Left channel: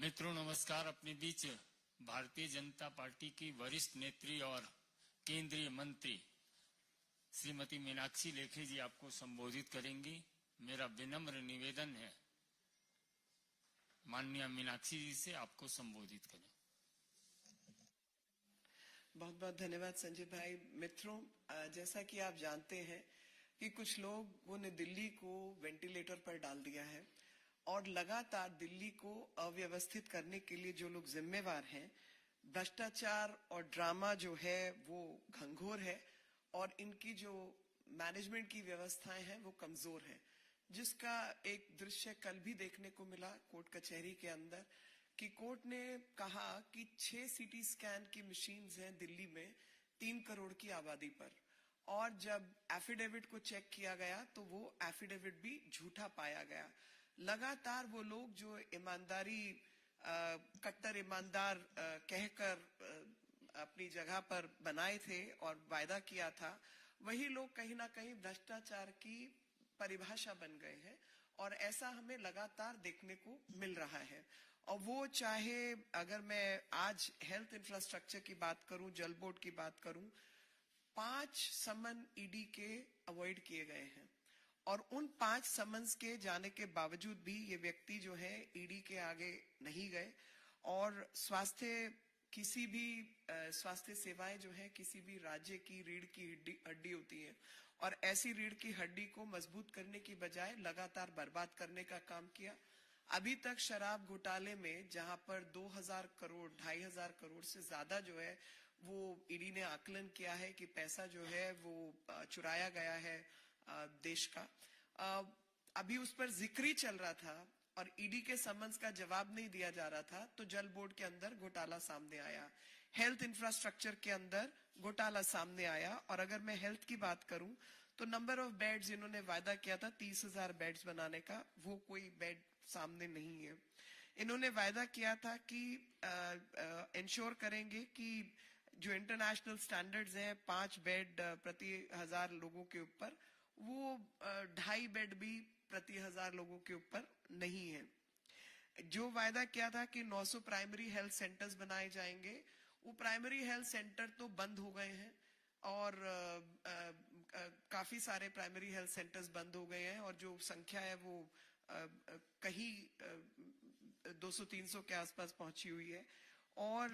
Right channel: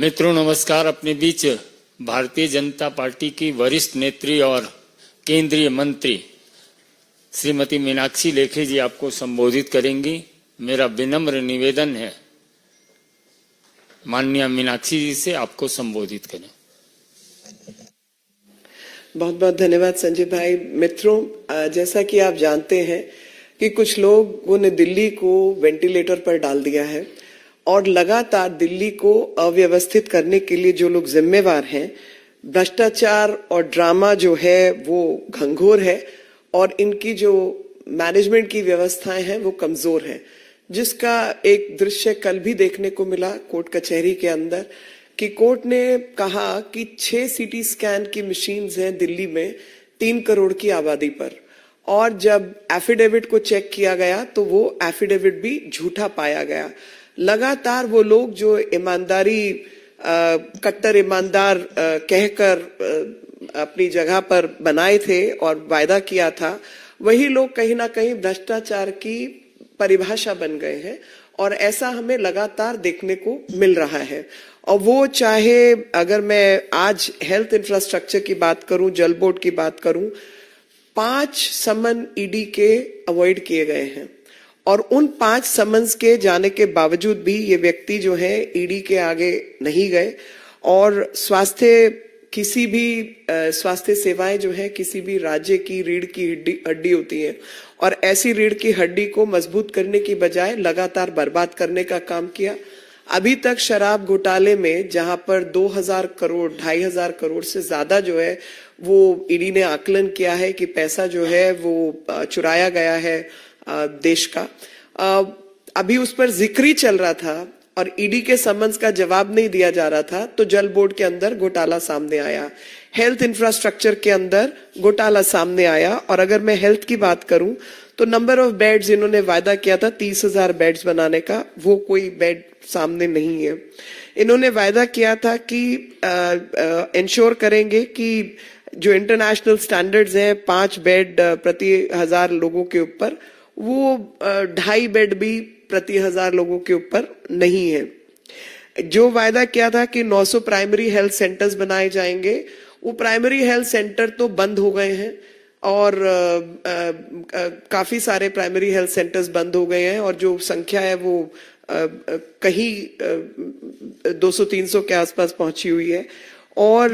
मित्रों नमस्कार। अपने बीच भारतीय जनता पार्टी की वरिष्ठ नेत्री और केंद्रीय मंत्री श्रीमती मीनाक्षी लेखी जी आपको संबोधित करेंगी। मेरा विनम्र निवेदन है माननीय मीनाक्षी जी से आपको संबोधित करें। बहुत बहुत धन्यवाद संजय भाई। मित्रों, जैसा कि आप जानते हैं कि कुछ लोगों ने दिल्ली को वेंटिलेटर पर डाल दिया है और लगातार दिल्ली को अव्यवस्थित करने के लिए जो लोग जिम्मेवार हैं, भ्रष्टाचार और ड्रामा जो है वो घंघोर है और इनकी जो मैनेजमेंट की व्यवस्थाएं हैं वो कमजोर है, जिसका एक दृश्य कल भी देखने को मिला कोर्ट कचहरी के अंदर कि कोर्ट ने कहा कि 6 सीटी स्कैन की मशीन्स हैं दिल्ली में 3 करोड़ की आबादी पर, और जब एफिडेविट को चेक किया गया तो वो एफिडेविट भी झूठा पाया गया। लगातार वो लोग जो ईमानदारी कट्टर ईमानदार कहकर अपनी जगह पर बनाए थे और वायदा किया था, वही लोग कहीं ना कहीं भ्रष्टाचार की परिभाषा बन गए हैं और ऐसा हमें लगातार देखने को मिल रहा है। और वो चाहे अगर मैं आज हेल्थ इंफ्रास्ट्रक्चर की बात करूं, जल बोर्ड की बात करूं, 5 समन ईडी के अवॉइड किए गए हैं और उन 5 समन्स के जाने के बावजूद भी ये व्यक्ति जो है ईडी के आगे नहीं गए। और किसी भी स्वास्थ्य सेवाएं जो है किसी भी राज्य की रीढ़ की हड्डी होती है और ऐसी रीढ़ की हड्डी को मजबूत करने की बजाय लगातार बर्बाद करने का काम किया। अभी तक शराब घोटाले में जहां पर 2000 करोड़ 2500 करोड़ से ज्यादा जो है वो ईडी ने आकलन किया है कि पैसा जो है वो चुराया गया है देश का, अभी उस पर जिक्र ही चल रहा था और ईडी के समन्स का जवाब नहीं दिया जा रहा था तो जल बोर्ड के अंदर घोटाला सामने आया, हेल्थ इंफ्रास्ट्रक्चर के अंदर घोटाला सामने आया। और अगर मैं हेल्थ की बात करूं तो नंबर ऑफ बेड्स इन्होंने वायदा किया था 30,000 बेड्स बनाने का, वो कोई बेड सामने नहीं है। इन्होंने वायदा किया था कि इंश्योर करेंगे कि जो इंटरनेशनल स्टैंडर्ड्स हैं 5 बेड प्रति 1000 लोगों के ऊपर, वो 2.5 बेड भी प्रति 1000 लोगों के ऊपर नहीं है। जो वायदा किया था कि 900 प्राइमरी हेल्थ सेंटर्स बनाए जाएंगे, वो प्राइमरी हेल्थ सेंटर तो बंद हो गए हैं और काफी सारे प्राइमरी हेल्थ सेंटर्स बंद हो गए हैं और जो संख्या है वो कहीं 200-300 के आसपास पहुंची हुई है। और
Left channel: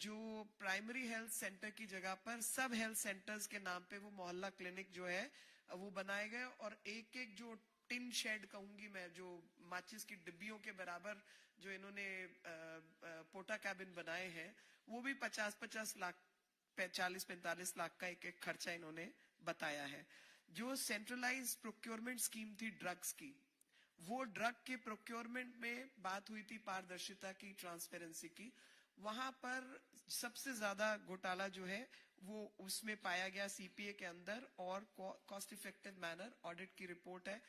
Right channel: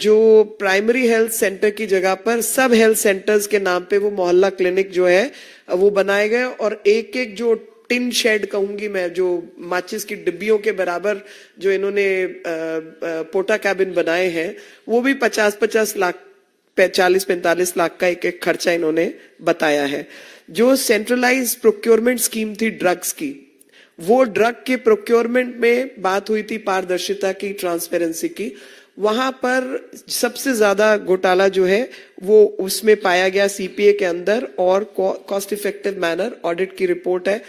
जो प्राइमरी हेल्थ सेंटर की जगह पर सब हेल्थ सेंटर्स के नाम पे वो मोहल्ला क्लिनिक जो है वो बनाए गए और एक एक जो टिन शेड कहूंगी मैं, जो माचिस की डिब्बियों के बराबर जो इन्होंने पोटा कैबिन बनाए हैं, वो भी 50-50 लाख 40-45 लाख का एक एक खर्चा इन्होंने बताया है। जो सेंट्रलाइज प्रोक्योरमेंट स्कीम थी ड्रग्स की, वो ड्रग के प्रोक्योरमेंट में बात हुई थी पारदर्शिता की, ट्रांसपेरेंसी की, वहां पर सबसे ज्यादा घोटाला जो है वो उसमें पाया गया सीपीए के अंदर और कॉस्ट इफेक्टिव मैनर ऑडिट की रिपोर्ट है,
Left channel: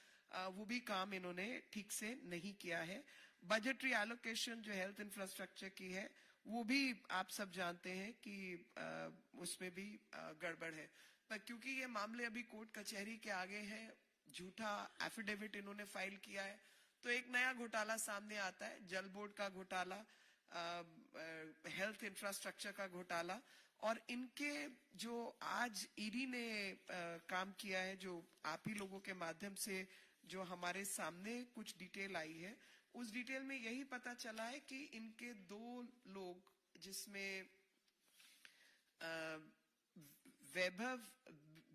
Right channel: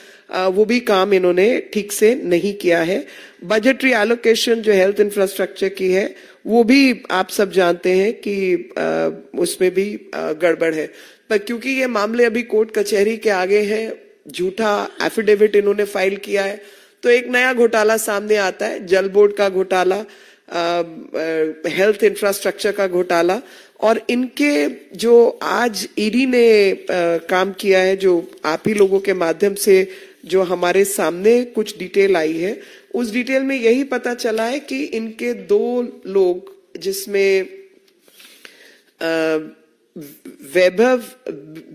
वो भी काम इन्होंने ठीक से नहीं किया है। बजटरी एलोकेशन जो हेल्थ इंफ्रास्ट्रक्चर की है वो भी आप सब जानते हैं कि उसमें भी गड़बड़ है, पर क्योंकि ये मामले अभी कोर्ट कचहरी के आगे हैं, झूठा एफिडेविट इन्होंने फाइल किया है, तो एक नया घोटाला सामने आता है, जल बोर्ड का घोटाला, हेल्थ इंफ्रास्ट्रक्चर का घोटाला। और इनके जो आज ईडी ने काम किया है, जो आप ही लोगों के माध्यम से जो हमारे सामने कुछ डिटेल आई है, उस डिटेल में यही पता चला है कि इनके 2 लोग जिसमें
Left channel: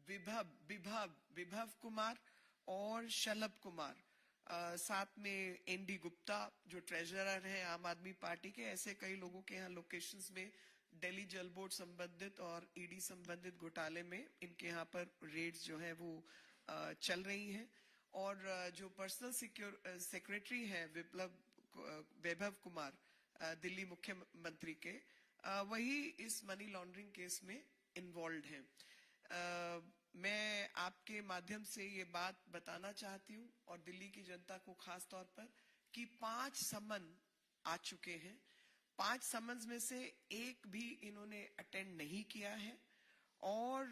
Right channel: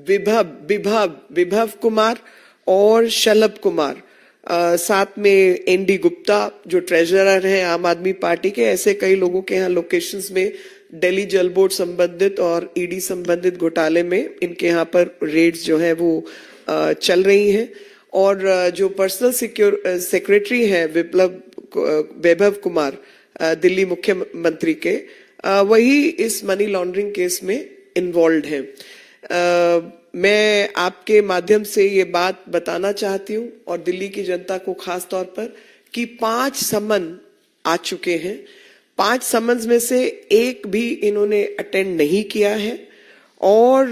विभव कुमार और शलभ कुमार, साथ में एनडी गुप्ता जो ट्रेजरर हैं आम आदमी पार्टी के, ऐसे कई लोगों के यहाँ लोकेशंस में दिल्ली जल बोर्ड संबंधित और ईडी संबंधित घोटाले में इनके यहाँ पर रेड्स जो है वो चल रही हैं। और जो पर्सनल सेक्रेटरी है वैभव कुमार दिल्ली मुख्यमंत्री के, वही इस मनी लॉन्ड्रिंग केस में इन्वॉल्व हैं। मैं आपके माध्यम से ये बात बताना चाहती हूँ और दिल्ली की जनता को खास तौर पर कि 5 समन आ चुके हैं, 5 समन्स में से एक भी इन्होंने अटेंड नहीं किया है और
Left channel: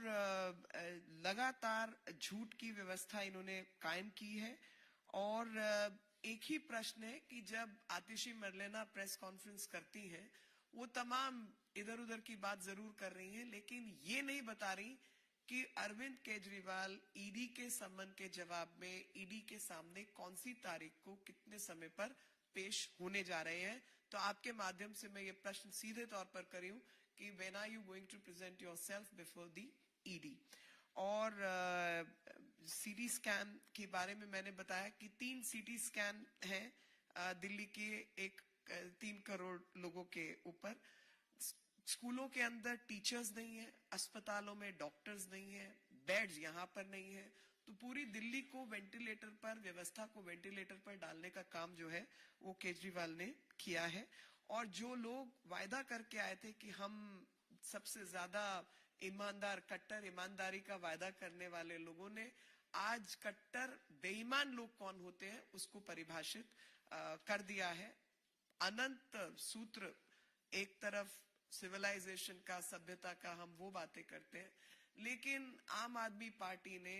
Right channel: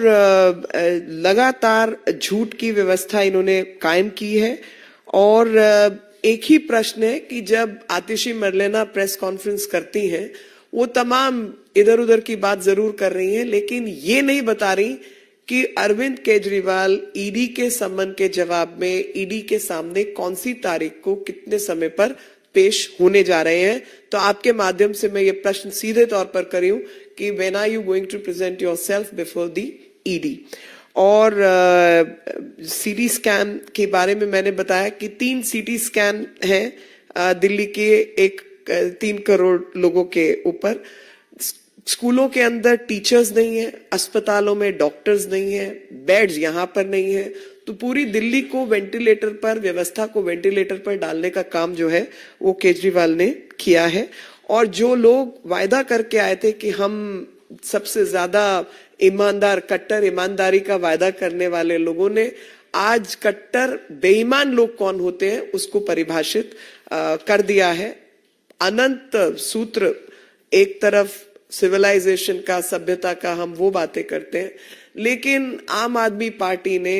लगातार झूठ की व्यवस्था इन्होंने कायम की है और एक ही प्रश्न है कि जब आतिशी मरलेना प्रेस कॉन्फ्रेंस करती हैं, वो तमाम इधर उधर की बात जरूर कर रही हैं, लेकिन ये नहीं बता रही कि अरविंद केजरीवाल ईडी के सम्मन के जवाब में ईडी के सामने कौन सी तारीख को कितने समय पर पेश होने जा रहे हैं। तो आपके माध्यम से मैं ये प्रश्न सीधे तौर पर कर रही हूं कि when are you going to present yourself before the ED. और सीटी स्कैन के बारे में मैंने बताया कि 3 सीटी स्कैन हैं दिल्ली के 3 करोड़ लोगों के ऊपर। स्कूलों के अंदर टीचर्स नहीं है, अस्पतालों में डॉक्टर्स नहीं है, बेड्स यहाँ पर नहीं है, तो पूरी दिल्ली को वेंटिलेटर पर, व्यवस्था को वेंटिलेटर पर डालने का काम जो है वो केजरीवाल ने किया है। और जो लोग वायदा करके आए थे कि हम सबसे ज्यादा ईमानदार, कट्टर ईमानदारी का वायदा करने वाले लोगों ने आज कट्टर बेईमान लोग कौन होते हैं उसको परिभाषित कर दिया है। अनंत सूत्र, एक तरफ सिविलाइजेशन का, सभ्यता का हम वो बातें करते हैं, लेकिन आम आदमी पार्टी ने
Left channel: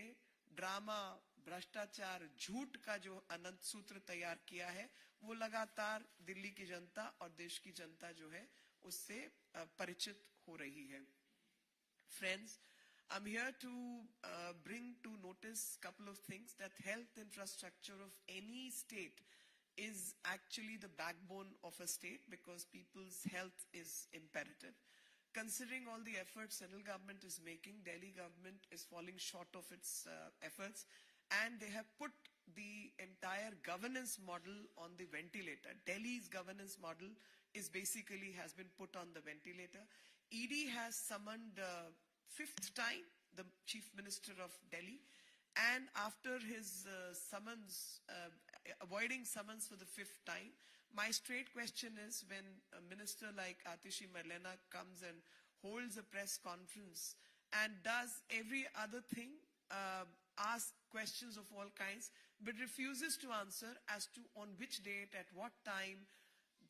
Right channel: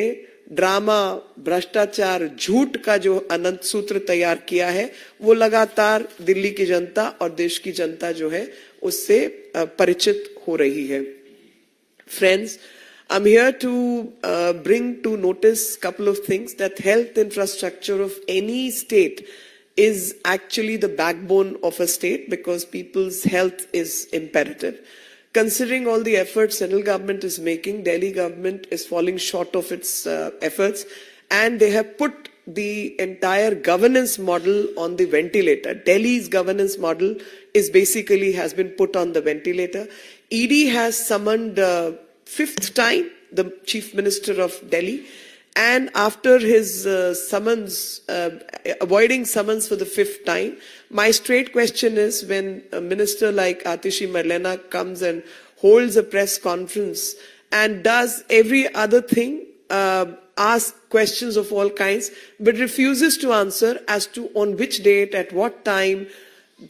ड्रामा, भ्रष्टाचार, झूठ का जो अनंत सूत्र तैयार किया है वो लगातार दिल्ली की जनता और देश की जनता जो है उससे परिचित हो रही है। Friends, I'm here to bring to notice couple of things, that health infrastructure of any state is actually the backbone of a state because people's health is imperative. Considering all the efforts central government is making, Delhi government is falling short of its efforts, and they have put the entire governance model on the ventilator. Delhi's governance model is basically has been put on the ventilator. ED has summoned 5th time the Chief Minister of Delhi, and after his summons, avoiding summons for the 5th time, my straight question is, when a minister like Atishi Marlena comes and holds a press conference and does every other thing, ask questions of all kinds, but refuses to answer as to on which date, at what time,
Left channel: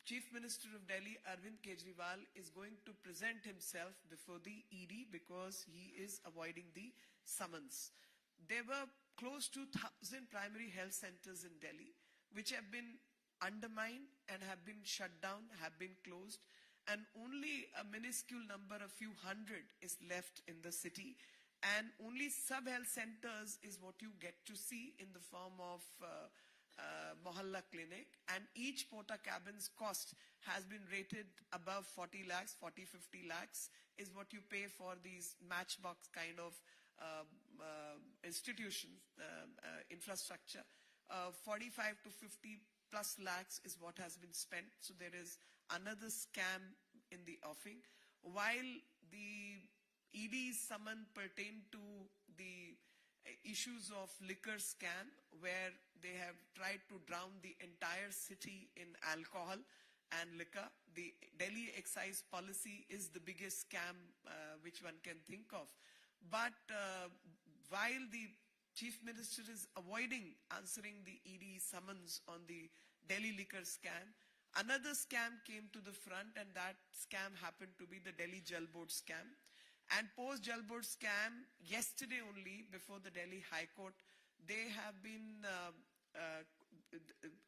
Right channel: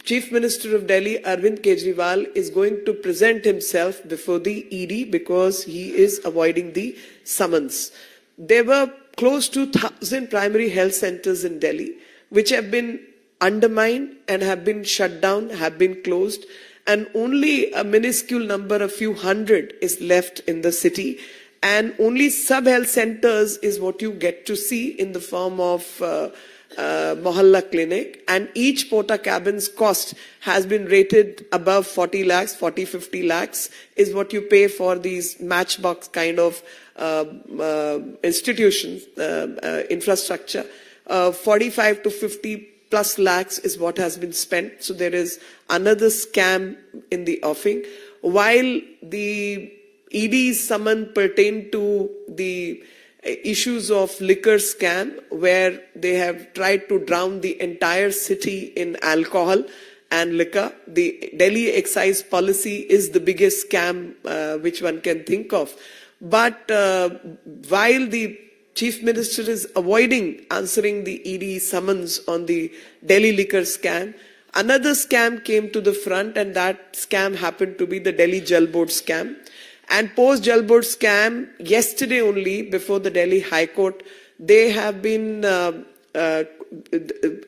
Chief Minister of Delhi, Arvind Kejriwal, is going to present himself before the ED because he is avoiding the summons. There were close to 1,000 primary health centers in Delhi, which have been undermined and have been shut down, have been closed, and only a minuscule number, a few hundred, is left in the city. And only sub-health centers is what you get to see in the form of Mohalla Clinic, and each porta cabin's cost has been rated above 40 lakhs, 50 lakhs is what you pay for these matchbox kind of institutions, infrastructure. 45 to 50 plus lakhs is what has been spent. So there is another scam in the offing. While the ED's summon pertain to the issues of liquor scam, where they have tried to drown the entire city in alcohol and liquor. The Delhi excise policy is the biggest scam which one can think of. But while the Chief Minister is avoiding answering the ED summons on the Delhi liquor scam, another scam came to the front, and that scam happened to be the Delhi Jal Board scam. And post Jal Board scam, yesterday only, before the Delhi High Court, they have been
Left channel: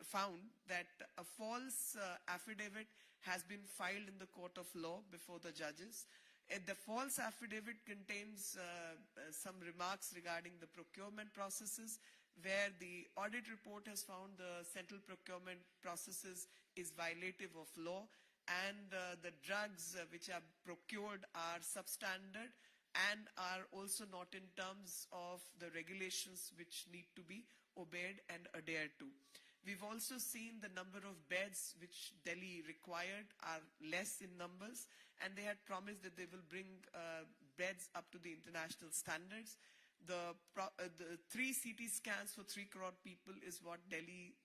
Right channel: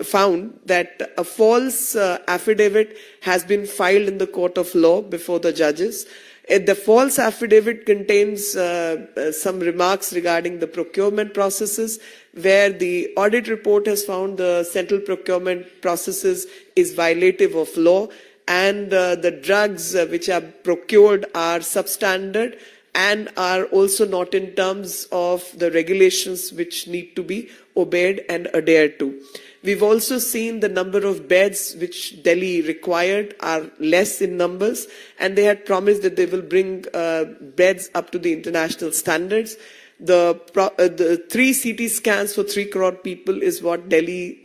found that a false affidavit has been filed in the court of law before the judges. The false affidavit contains some remarks regarding the procurement processes, where the audit report has found the central procurement processes is violative of law, and the drugs which are procured are substandard and are also not in terms of the regulations which need to be obeyed and adhered to. We've also seen the number of beds which Delhi required are less in numbers, and they had promised that they will bring beds up to the international standards. The 3 CT scans for 3 crore people is what Delhi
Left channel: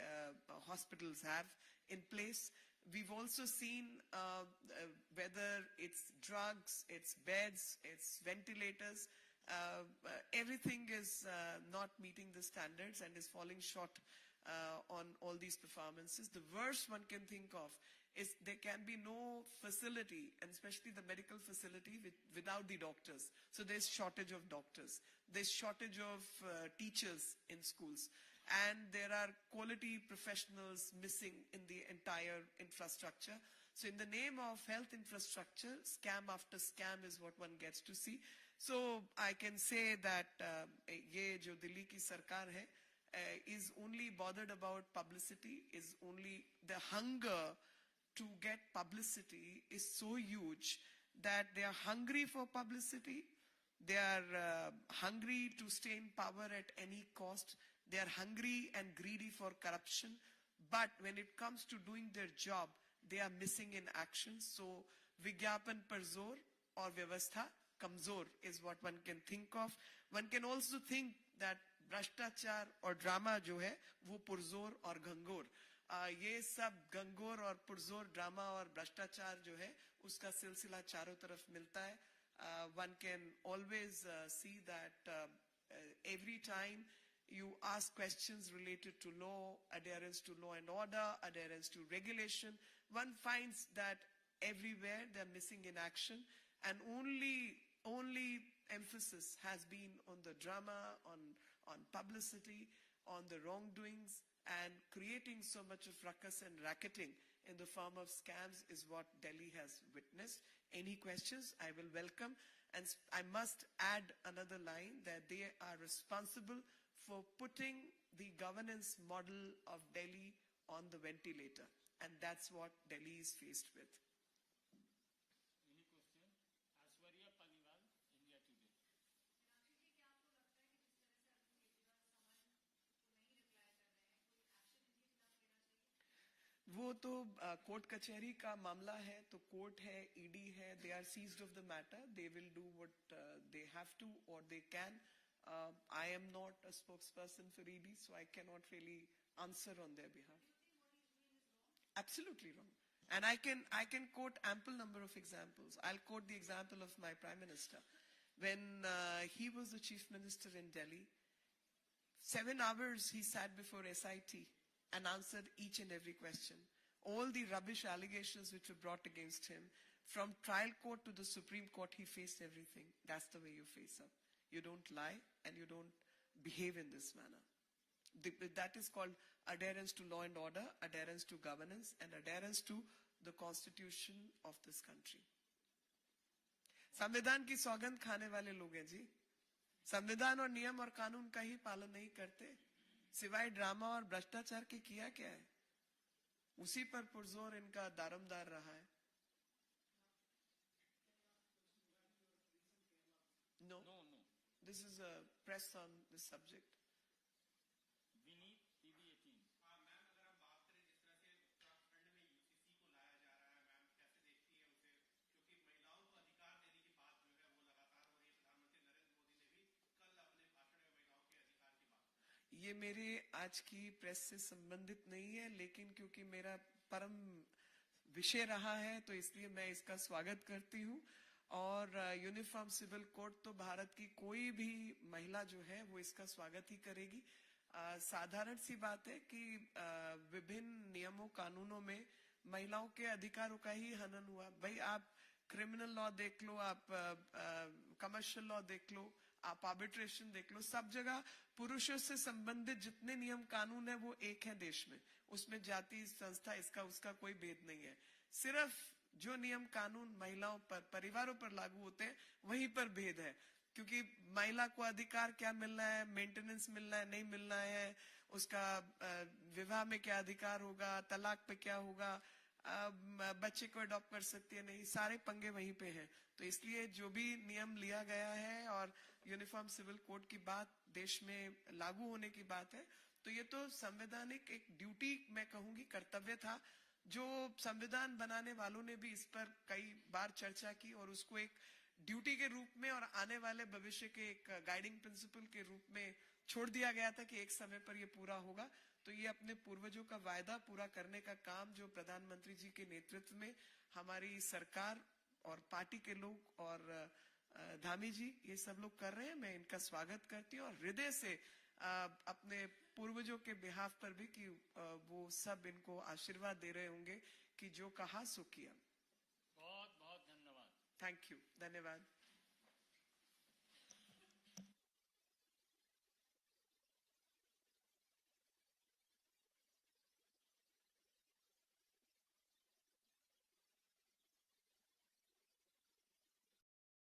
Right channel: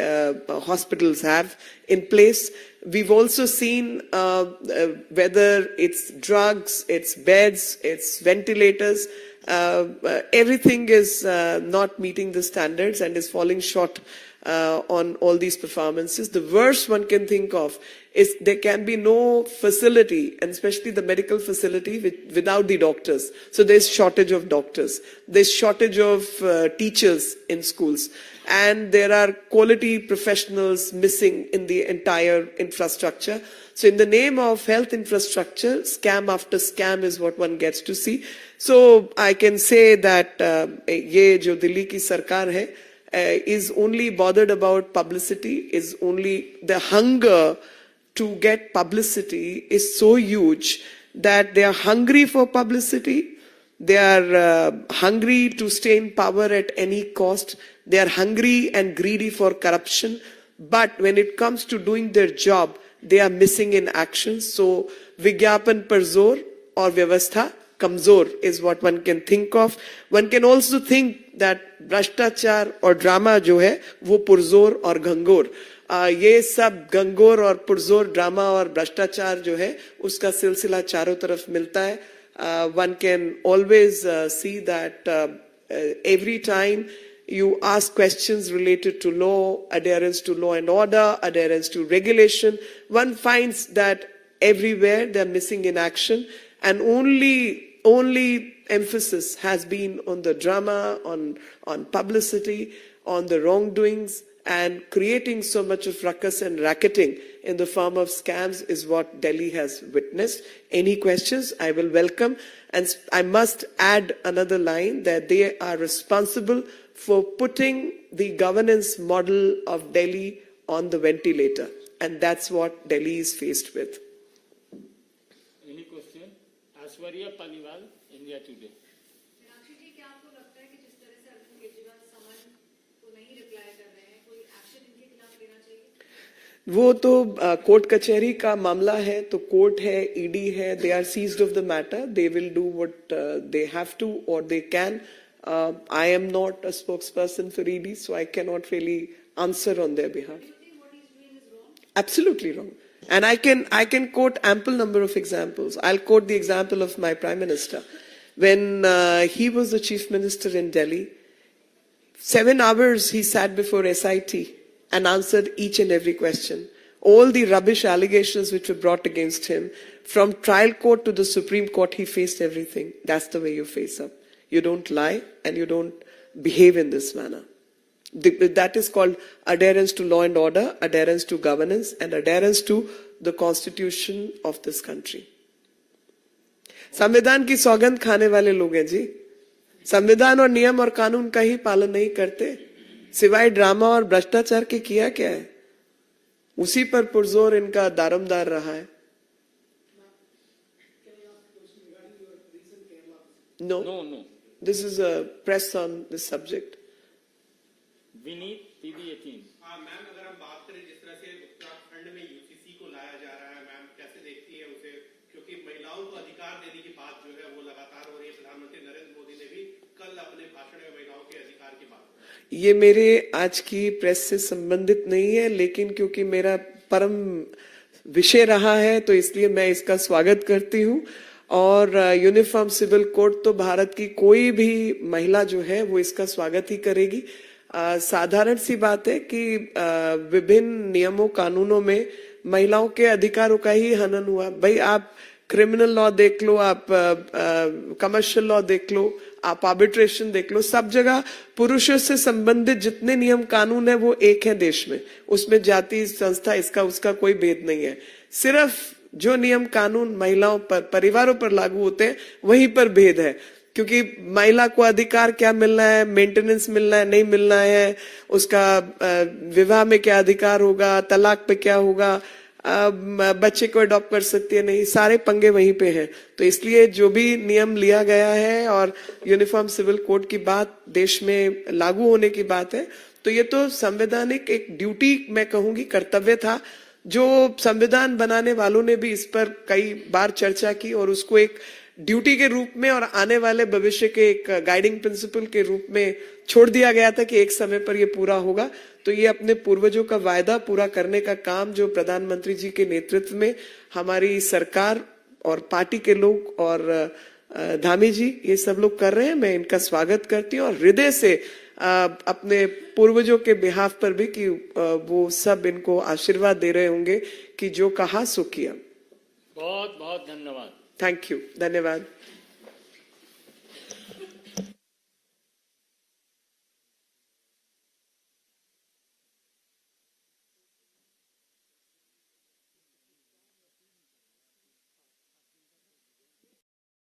hospitals have in place. We've also seen whether it's drugs, it's beds, it's ventilators, everything is not meeting the standards and is falling short on all these performances. The worst one can think of is there can be no facility, and especially the medical facility, without the doctors. So there's shortage of doctors. There's shortage of teachers in schools. And there are quality professionals missing in the entire infrastructure. So in the name of health infrastructure, scam after scam is what one gets to see. So I can say that ये जो दिल्ली की सरकार है is only bothered about publicity, is only the hunger to get publicity is so huge that they are hungry for publicity. They are hungry to stay in power at any cost. They are hungry and greedy for corruption. But when it comes to doing their job, they are missing in action. So, Vigyapan par zor or Vyavastha kamzor is what one can think of. One can also think that Bhashtachar or drama जो है वो पुरजोर और घंगोर ये सब गंगोर और पुरजोर drama और भ्रष्टाचार जो है उसका सिलसिला चारों तरफ मिलता है. One can always see that every time you ask questions related to law, adherence to law and order, adherence to regulation, one finds that everywhere they're missing in action, and only emphasis has been on the drama, on publicity, on the wrongdoings, and creating so much of ruckus and racketing in the form of scams is what Delhi has witnessed. Any questions, I will welcome. And I must add another line that they are responsible for putting the governance model of Delhi on the ventilator. And that's what Delhi is faced with. Any question? Aishwarya Paliwal, India Today. Meenakshi जी, क्या आपको लगता है कि जिस तरह से अरविंद केजरीवाल समन को नहीं रिप्लाई कर रहे हैं, कोई एक्शन इनके खिलाफ लेना चाहिए? वो तो कोर्ट कचहरी का मामला है, तो कोर्ट है, ईडी है, they are seized of the matter, they will do what they have to और they can. I am not a spokesperson for ED, so I cannot really answer on their behalf. Do you think what he's doing is wrong? Absolutely wrong. And I can quote ample number of examples. I'll quote the example of my Prime Minister. When he was the Chief Minister in Delhi, 7 hours he sat before SIT and answered each and every question. All the rubbish allegations which were brought against him, from trial court to the Supreme Court, he faced everything. That's the way you face up. You don't lie and you don't behave in this manner. That is called adherence to law and order, adherence to governance, and adherence to the constitution of this country. संविधान की सौगंध खाने वाले लोग हैं जी. संविधान और नियम और कानून का ही पालन नहीं करते, सिवाय ड्रामा और भ्रष्टाचार के किया क्या है? उसी पर पुरजोर इनका दारोमदार रहा है. No. This is a press on this subject. Vineet, TV18. हाँ मैम, अगर हम बात करें जिस तरह से उत्तराखंड में यूसीसी को लाया जा रहा है, मैम कैसे देखती है उसे? क्योंकि महिलाओं को अधिकार देने की बात जो है वो लगातार हो रही है. प्रधानमंत्री नरेंद्र मोदी ने भी कल अपने भाषण में महिलाओं के अधिकार की बात की. ये मेरे आज की प्रेस से संबंधित नहीं है, लेकिन क्योंकि मेरा परम विषय रहा है तो इसलिए मैं इसका स्वागत करती हूँ. और यूनिफॉर्म सिविल कोड तो भारत की कोई भी महिला जो है वो इसका स्वागत ही करेगी. साधारण सी बात है कि विभिन्न नियमों कानूनों में महिलाओं के अधिकारों का ही हनन हुआ. भाई आप क्रिमिनल लॉ देख लो, आप कमर्शियल लॉ देख लो, आप आर्बिट्रेशन देख लो, सब जगह पुरुषों से संबंधित जितने नियम कानून है वो एक है देश में. उसमें जाति संस्था इसका उसका कोई भेद नहीं है. सिर्फ जो नियम कानून महिलाओं पर, परिवारों पर लागू होते हैं वहीं पर भेद है. क्योंकि महिला को अधिकार क्या मिलना है, मेंटेनेंस मिलना है, नहीं मिलना है, उसका विवाह में क्या अधिकार होगा, तलाक पे क्या होगा, बच्चे को अडॉप्ट कर सकती है नहीं, सारे पंगे वहीं पे हैं. तो इसलिए जो भी नियम लिया गया है और यूनिफॉर्म सिविल कोड की बात देश में लागू होने की बात है, तो ये तो संवैधानिक एक ड्यूटी, मैं कहूंगी कर्तव्य था, जो संविधान बनाने वालों ने भी इस पर कई बार चर्चा की और उसको एक ड्यूटी के रूप में और आने वाले भविष्य के एक गाइडिंग प्रिंसिपल के रूप में छोड़ दिया गया था कि एक समय पर ये पूरा होगा. तो ये अपने पूर्वजों का वायदा पूरा करने का काम जो प्रधानमंत्री जी के नेतृत्व में हमारी सरकार और पार्टी के लोग और धामी जी ये सब लोग कर रहे हैं, मैं इनका स्वागत करती हूँ और हृदय से अपने पूर्वजों के बिहाफ पर भी कि वो सब इनको आशीर्वाद दे रहे होंगे कि जो कहा सो किया। बहुत बहुत धन्यवाद। थैंक यू, धन्यवाद।